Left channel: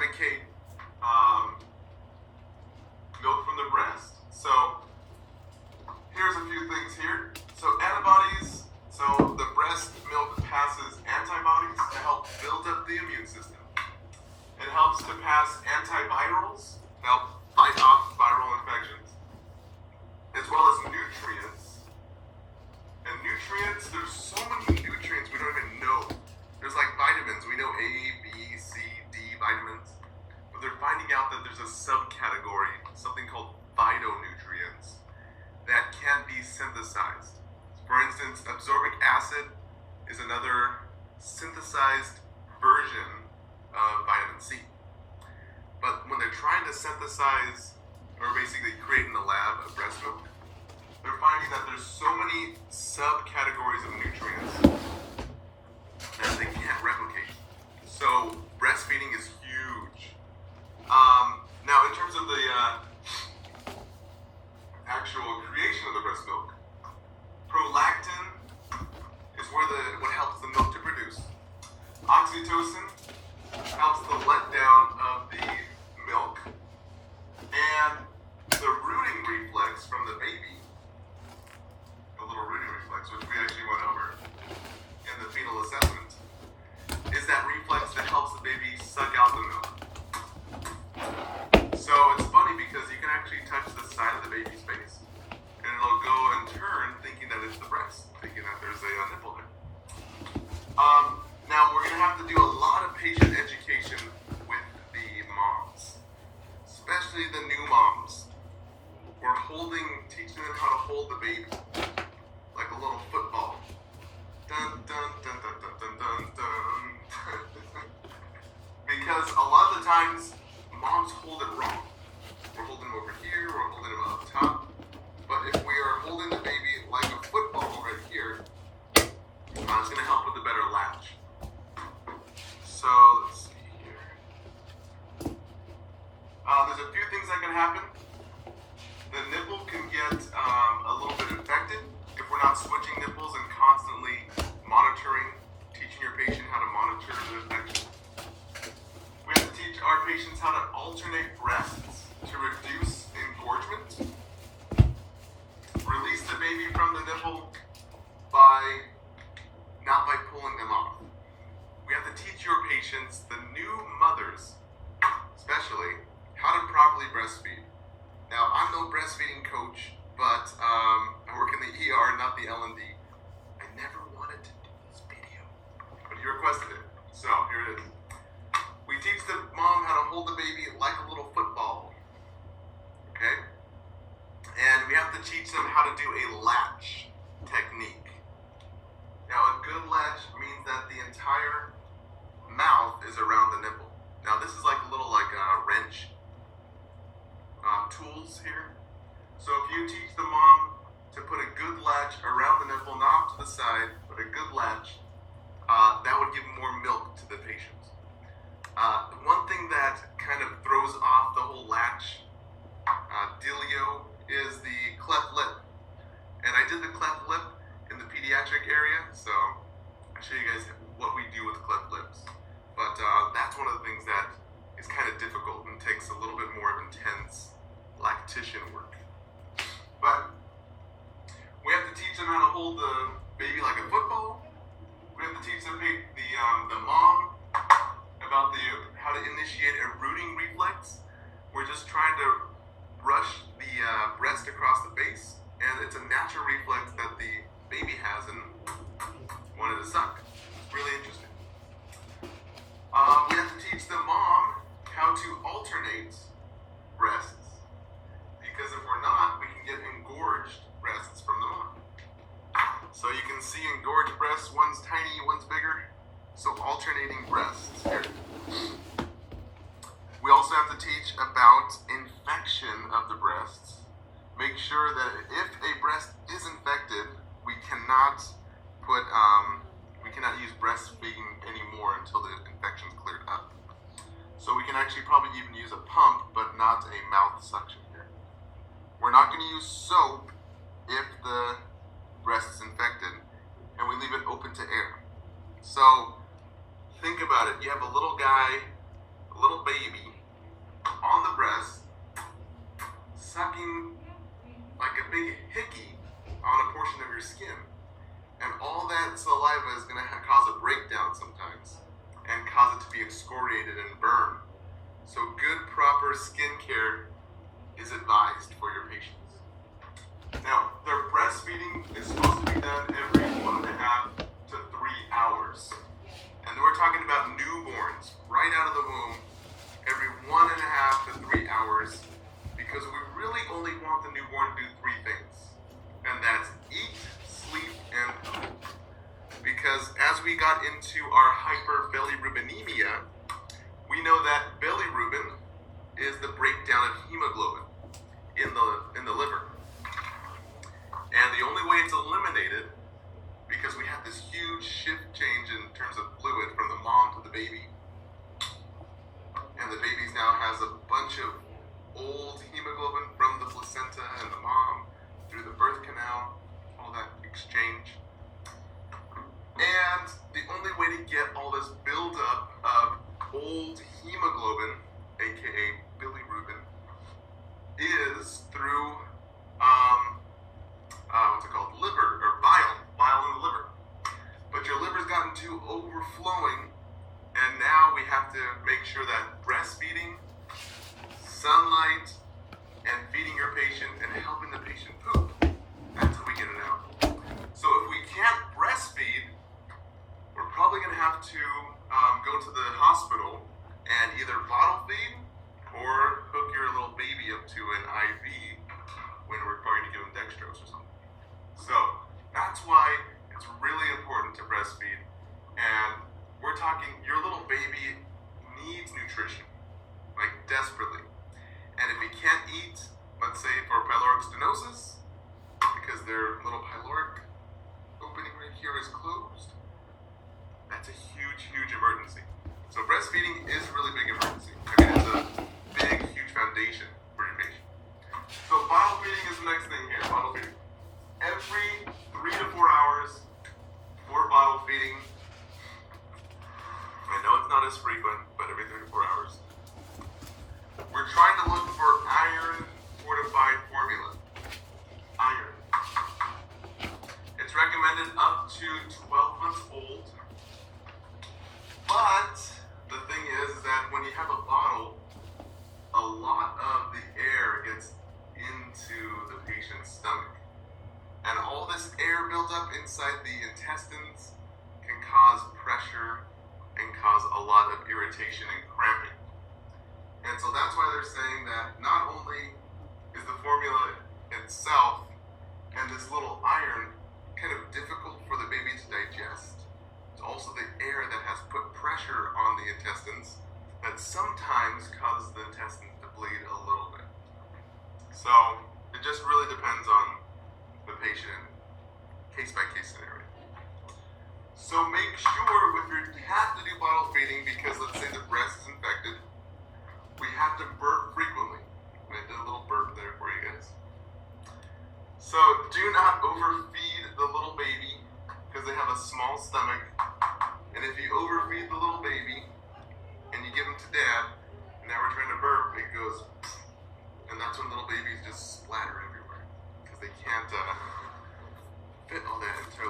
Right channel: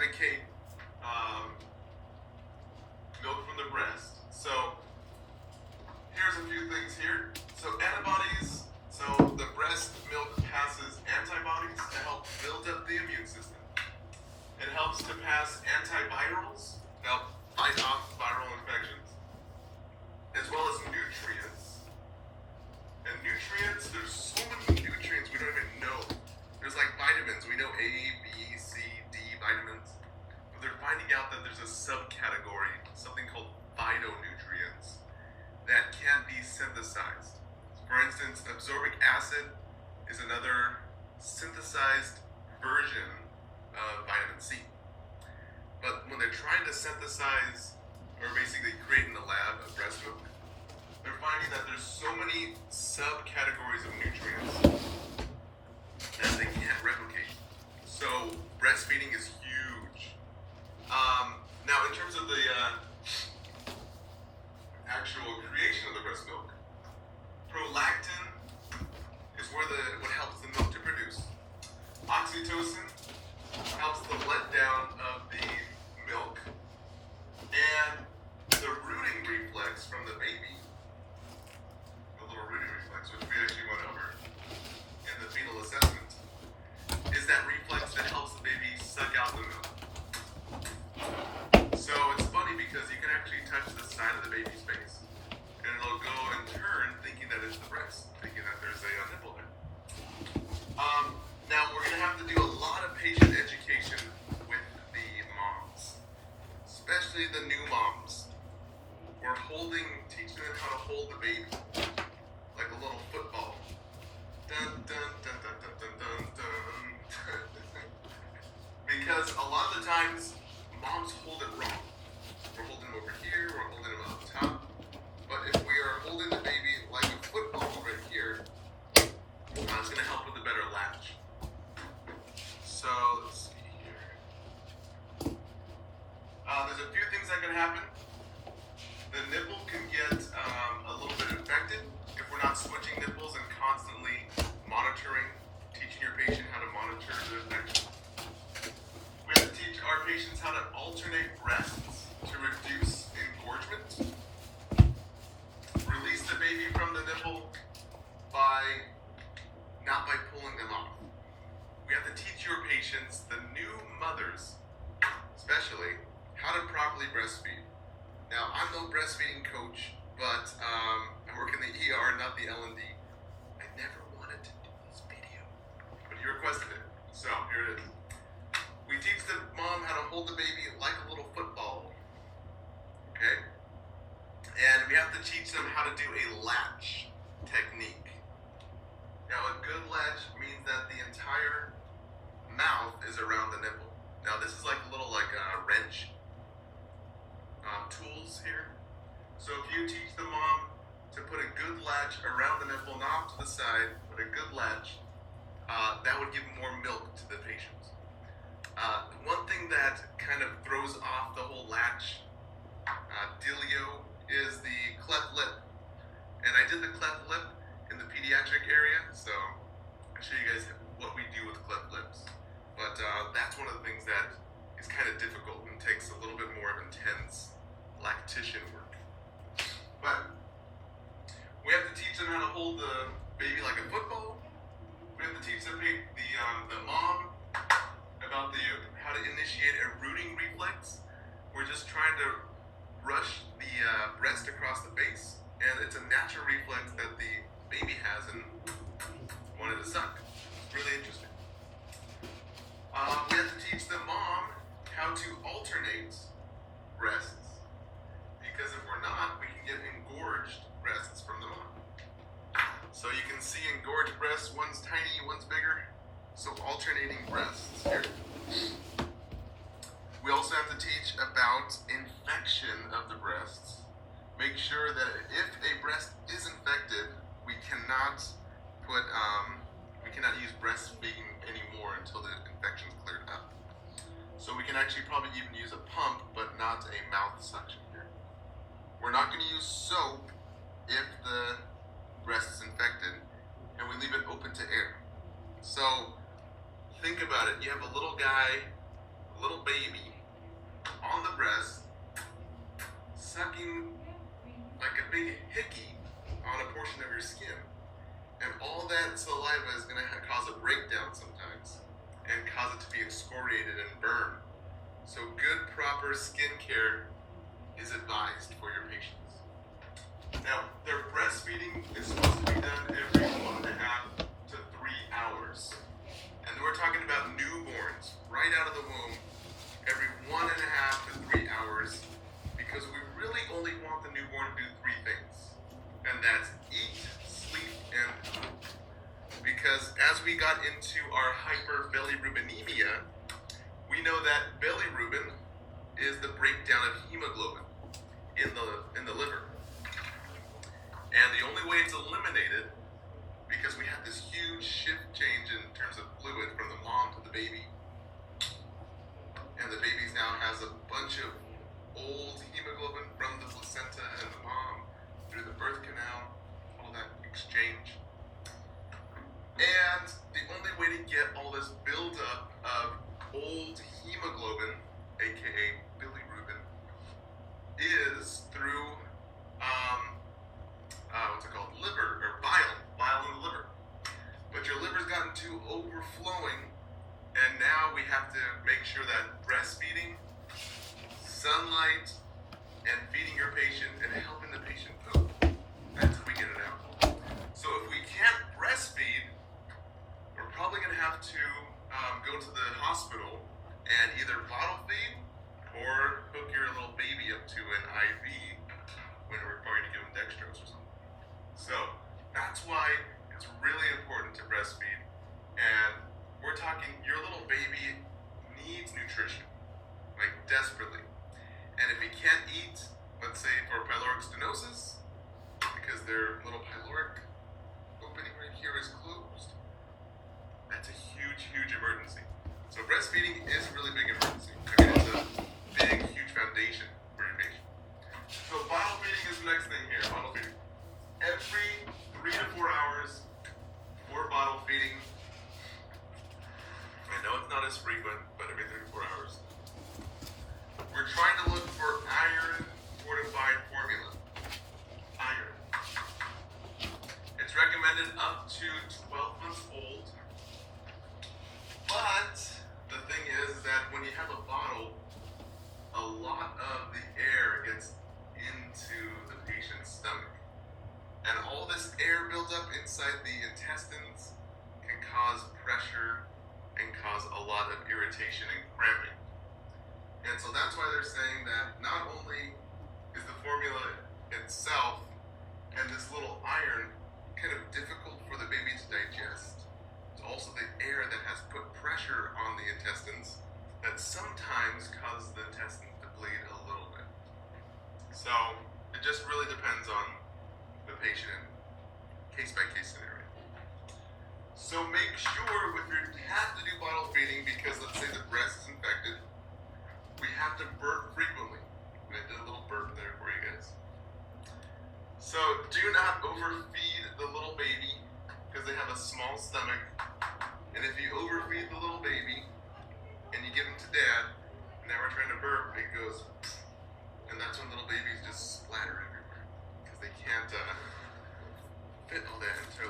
advocate milk from the breast. So here's a few things here. So antibodies. So the breast milk passes antibodies to help build up the immune system. It helps to pass antivirals, help fight off viral infections, as well as nutrients. And nutrients, there's so many nutrients we don't even know. There's like vitamins. We know A, B, C, D vitamins. But they're finding out that there's a subcategory, something called phytonutrients, that can be synthesized. For instance, absorbic acid is another synthesized version of vitamin C. But when they're trying to synthesize, or basically create in the lab, a breast milk, they're finding that there's so many subcategories of nutrients that they can't replicate. So breastfeeding is huge. Now, in terms of the actual creation of the breast milk, prolactin is what helps the milk to produce. Oxytocin helps the letdown of the milk, and the rooting reflex from the baby, the little rooting reflex, which we actually went over in the fetal assessment, is that reflex that helps the baby suck out the milk. So it's funny because you can actually touch the side of the baby's face, and it'll go and turn thinking that it's the breast, thinking that there's a nipple there. Now we're going to have to do a lot of patient education with the moms, especially the new moms. We're teaching them how to hold the baby like a little football. Dun, dun, dun, dun, dun, dun, dun, dun. Because a lot of the times, moms hold it wrong. We're holding them over here, we're holding them up top. But if we are holding the baby like a football right here, it's going to help with a better latch. So, let's see here. There's a few things that can happen. The nipple can get a little bit infected if we're not switching nipples and constantly teaching your patient how to monitor the infection. We have to teach our patients how to alternate breasts to reduce engorgement. Release the baby from the nipple not by pulling them off. We have to teach your patients, the new mothers especially, how to properly breastfeed. Now, I'm no breastfeeding coach, but I work in the ER, not the L&D. I never wanted to do this video, but you requested it, so here it is. We teach the mom how to hold the baby like a little football, okay? And we have to teach them how to do a latch technique. Now, a good latch means that the entire mouth is around the nipple. Now, this is like a little wrench tools here. So if you teach the mom to put a good latch around the nipple, not to the side, but a good latch, that would give more milk to the patient. One thing that kind of throws off the whole latch dealio is the cleft lip. And I did the cleft lip in the pediatric area, so I'll show you guys what we do with cleft lips. But that's one of the things that is kind of difficult and takes a little bit more of intense lactation work. But we have to teach them how to hold the baby like a football. We have to teach the mom about how to initiate a rooting reflex. We're just trying to brush the breast across the face, and it's a natural reflex that the baby has and wanted to suck. It's really interesting. We have to teach the mom how to alternate breasts, because if we're not, we can get engorged breasts from the mom. So you can see engorged breasts, one's tiny, one's bigger. So alternating breasts here. We also have to teach about infection of the breasts. Make sure that if a breast is infected, we cannot use breastfeeding anymore until the infection's cleared up. So we can actually probably even use a pump, but not a mouth suction here. We're not going to use soap if the breast is infected, and we leave it open to air. So think about it. You have a little guy, a little baby, that saliva is going to cause a breakdown sometimes and cause it to be excoriated and burn. So good, proper skin care is advised for your patients. Now, their breastfeeding is supposed to be done every 1.5 to 3 hours. And we're talking about newborns right out of the womb, every 1.5 to 3 hours, because we really only want the newborn to do 3 things. And that's eat, sleep, and poop. Because as we got into our hyperbilirubinemia, we know that bilirubin is the breakdown of hemoglobin in the liver. And the only way it's eliminated, because we have this huge shift change in terms of fluid from the mom to the baby, and the baby now has a bunch of old hemoglobin from the placenta and the mom through the birth canal, all that exchange. And the only way to get all this buildup of old hemoglobin, aka bilirubin, is through liver, or bile in the liver. But your liver's gotten too overflowing, and now we have to make sure that breastfeeding, sunlight, and feeding your patient and helping the patient poop, that's how we get it out. So if we can't breastfeed, we're probably going to have to go to the hospital and either bottle feed or hook your little baby up to an IV when we're going to give them dextrose or something. So that's why it's really important to breastfeed. And we're talking, your little baby needs nutrition, like desperately. And if he can't eat, let's say for pyloric stenosis, because their little pyloric opening right here is closed, that's a huge, huge emergency. So breastfeeding is a really big emergency. I mean, it's a big, huge foundation for your patient. So bottle feeding is the next thing here, bottle feeding. Every 3 to 4 hours for bottle feeding. I know it's not as frequent, but every 3 to 4 hours. We're trying to look for iron fortified formula. Iron. It's recommended up to 12 months old. But the thing is that when you have a bottle, a lot of the air gets into the patient's stomach. And all this air buildup inside the intestines can cause pressure and cause a lot of irritation and cramping. And so that's why they're saying that not only is the formula itself and this little iron kind of difficult for the baby to digest, it's also the air that has put pressure on the intestines that sometimes causes the intestines to bleed a little bit. So it just really depends on the patient, case-by-case scenario. So make sure you have to do bottle feeding because let's say the breast is infected, we have to burp frequently. I did a little burp there for you guys. So do not overfeed the little baby because they have a small stomach. And if you overfeed the little baby and you give them to dad, and now we're trying to burp, it goes, and that's when little babies just splatter everywhere because they can't fit all that into